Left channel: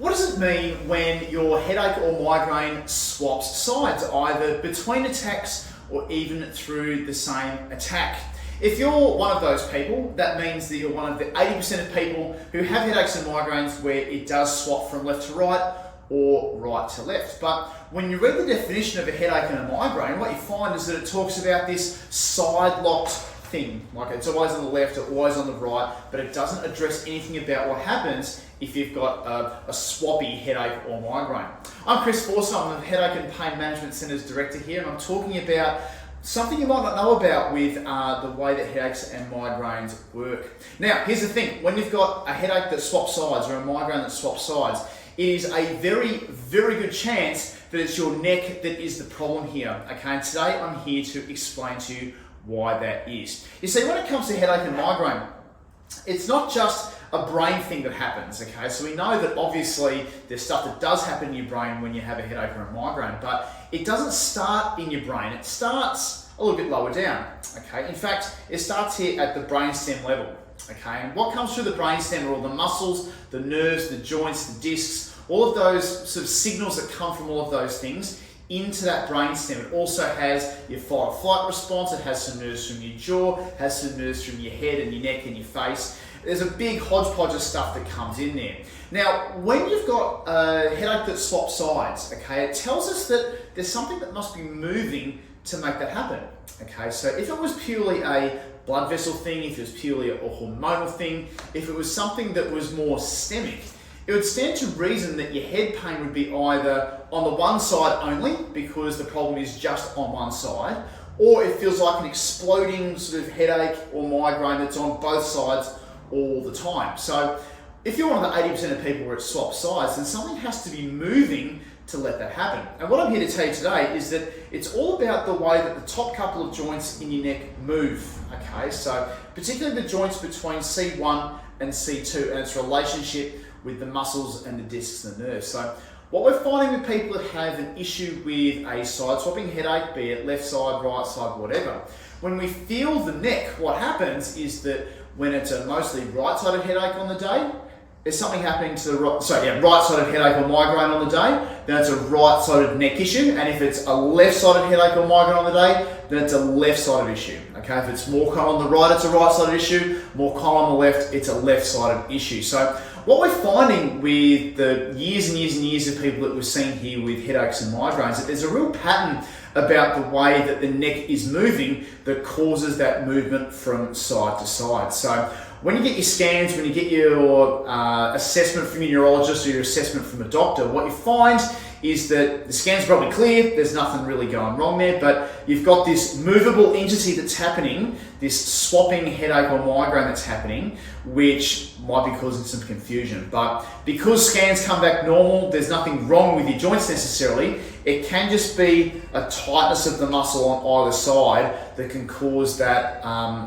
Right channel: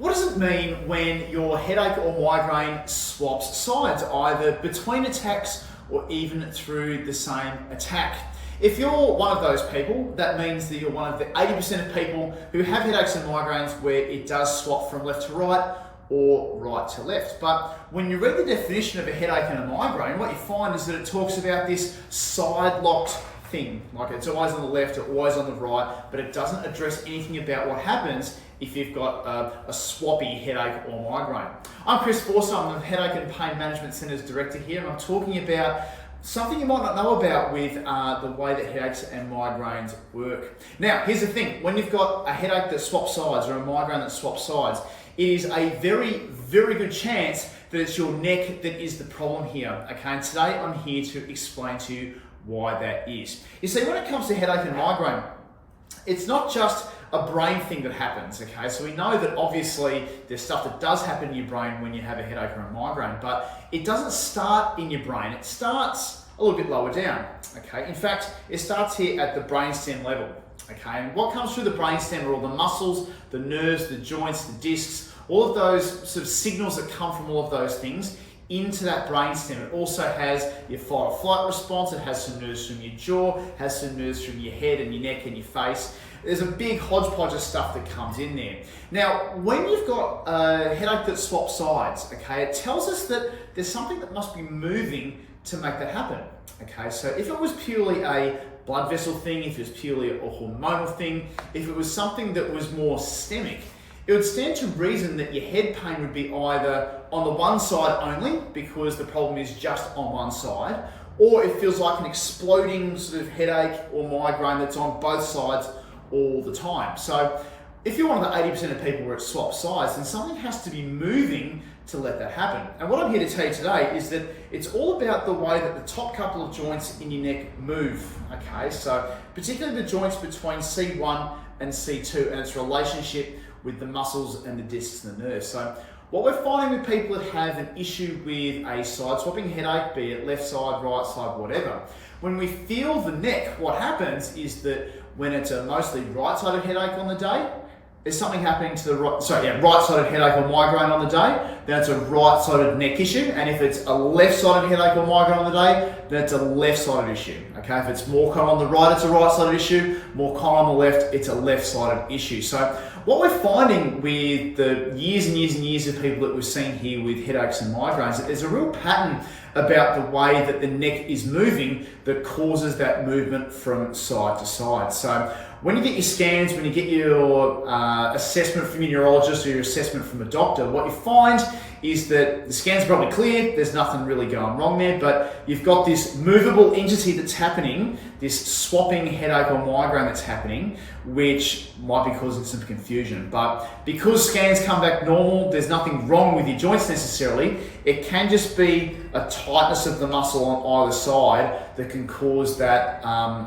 What does it mean when your headache or migraine swaps sides, either between attacks or even through the same attack? If you're one of those people, that means that you're one of the 80% of people who have headaches and migraines where it does swap from left to right or right to left. But when you read the definition of a headache and a migraine, what you find is that it talks about this side-locked thing, like it's always on the left or always on the right, but it doesn't address anything about what happens if you've got a swappy headache or migraine. I'm Chris Forster, I'm the Headache and Pain Management Centre's director here, and I'm talking about something you might not know about with the way that headaches and migraines work. Now, here's the thing, when you've got a headache that swaps sides or a migraine that swaps sides, it is a very, very good chance that it's your neck that is the problem here, okay? And today I'm here to explain to you why that is. You see, when it comes to headache and migraine, it's not just a brain thing that happens, okay? So we know that obviously there's stuff that does happen in your brain when you have a headache or a migraine, but it doesn't start in your brain. It starts a little bit lower down, okay? In fact, it starts here at the brainstem level, okay? And what comes through the brainstem are all the muscles, the nerves, the joints, the discs, all of those sort of signals that come from all of those things into that brainstem. It also has your fight or flight response, it has some nerves from your jaw, has some nerves from your head and your neck and your face. There's a big hodgepodge of stuff that comes in there. Now, when you've got a headache that swaps sides, okay, it tells us that there's something that must be moving to make that happen. Okay, so if it was purely a blood vessel thing, if it was purely a hormonal thing, if it was something that was more systemic, it would stand to reason that your head pain would be either on the one side only, because the problem is just on one side, or it feels like an exploding sort of headache or migraine that's on both sides all the time. So if you're one of the 80% of people where it swaps sides, then something has to be moving to let that happen. And what I'm here to tell you today is that it's all about the way that the top couple of joints in your neck move, okay? So particularly the joints between C1 and C2 and its relationship with the muscles and the discs and the nerves. So what we're finding with people that have an issue with a side swapping headache, be it left side, right side, whatever, when we feel the neck, what happens is that when it's a mostly right-sided headache on the day, there's something happening to the right-sided headache or migraine on the day, then it's a right-sided neck issue. And if it's a left-sided headache or migraine on the day, then it's a left-sided issue. Okay, if it's more common on the right, it's a right-sided issue. More common on the left, it's a left-sided issue. So what we're finding with the years and years and years of people that we're seeing here with headaches and migraines, that there's a real pattern about the way that the neck is moving that causes that movement from side to side. So when you get your scans, when you get your assessment from your neurologist or your assessment from a doctor, what you find is that the scan's probably clear, there's nothing really going wrong there, but you've got this movable entity that's happening, this swapping headache or migraine that's happening, which might be causing some confusion. But because scans come back normal, there's nothing wrong with your joints necessarily, it can just be a tightness of the muscle on either side that can cause that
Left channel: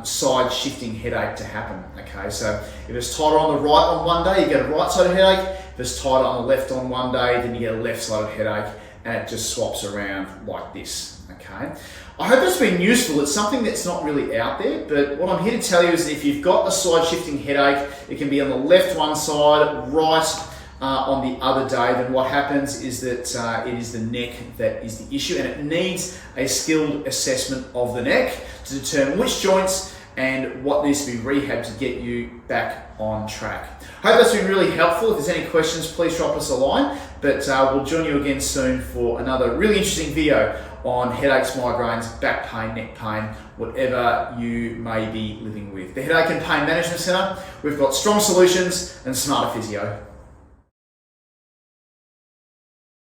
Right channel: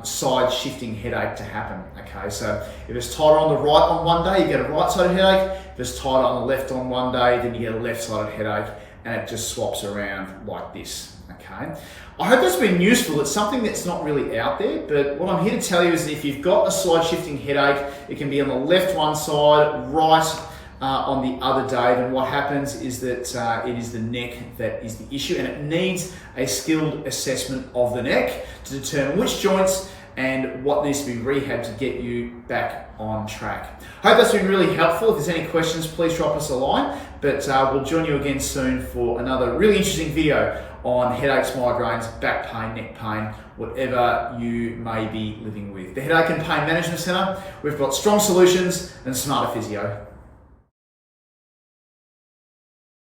side shifting headache to happen. Okay, so if it's tighter on the right on one day, you get a right-sided headache. If it's tighter on the left on one day, then you get a left-sided headache, and it just swaps around like this. Okay, I hope that's been useful. It's something that's not really out there, but what I'm here to tell you is that if you've got a side shifting headache, it can be on the left one side, right on the other day, then what happens is that it is the neck that is the issue, and it needs a skilled assessment of the neck to determine which joints and what needs to be rehabbed to get you back on track. Hope that's been really helpful. If there's any questions, please drop us a line, but we'll join you again soon for another really interesting video on headaches, migraines, back pain, neck pain, whatever you may be living with. The Headache and Pain Management Centre, we've got strong solutions and smarter physio.